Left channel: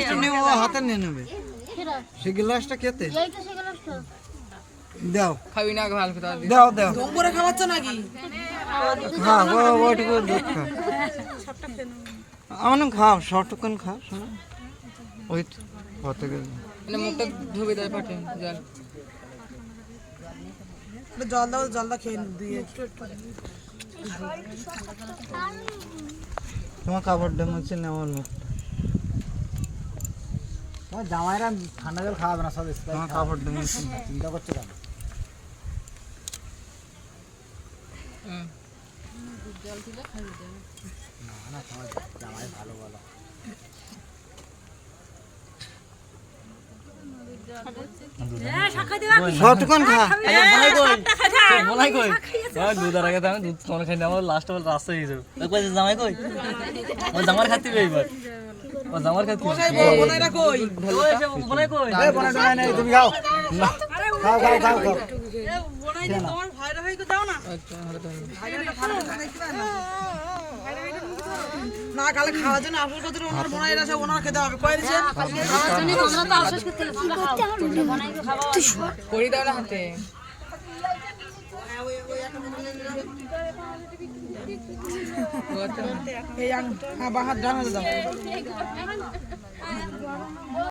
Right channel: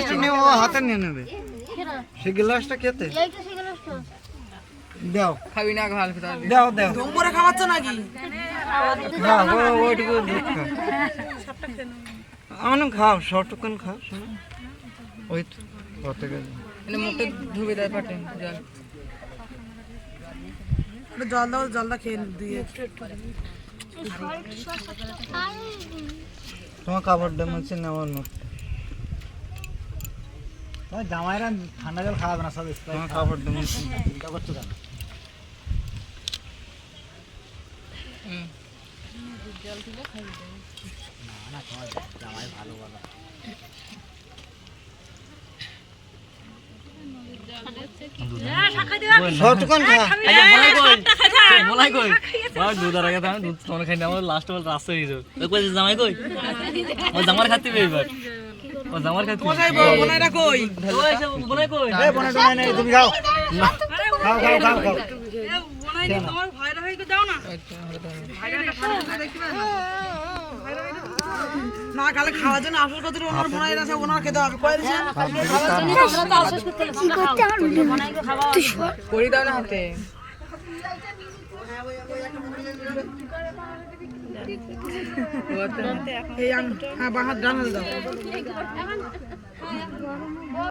গ্লাসটা নিয়ে ও হাতে নিয়ে নেবে সেই গ্লাসটা খেতে দাও খাবি না ভালো করে দাও দাও জম্বরে খাওয়াচ্ছ নাকি হ্যাঁ ওইটুকু আমার খাও সবটুকুন খাও ওই তো কত গেছে এনে মুখটা ধুবি দেয় ফাটে যা জল দাও জলটা খেয়ে দিয়ে তোমার কাপড় ডেমেছে নেওয়ার মতো জামাইরা ঠান্ডা জল খাওয়াবে না সাথে তোমার কাপড় ডেমেছে চিন্তা করছো কেন সবটুকুন খা আচ্ছা বলাই কই বলাই কই বলাই দুধ আর আগে আমি দুধ তোমার খাই না আমার লাস্ট বল রাস্তা হয়ে যাবে তো কই জামাই কই ও জামার খাতি বে এবার ও জামার খাতি বোনেরা কই ওই সব বলাই কই এই বোনা টোনা নেই তুমি খাও খাও খাও খাও খাও বোনাই তোমার ভাইরা হইতে দাও না না কালে খাওয়ার জন্য আফসোস করতে ওনার বোনাইরা সব ওনার খেতে হবে কই দিছেন করি দাও না হাতে এই হ্যাঁ বাহাত ডান হাতে দাও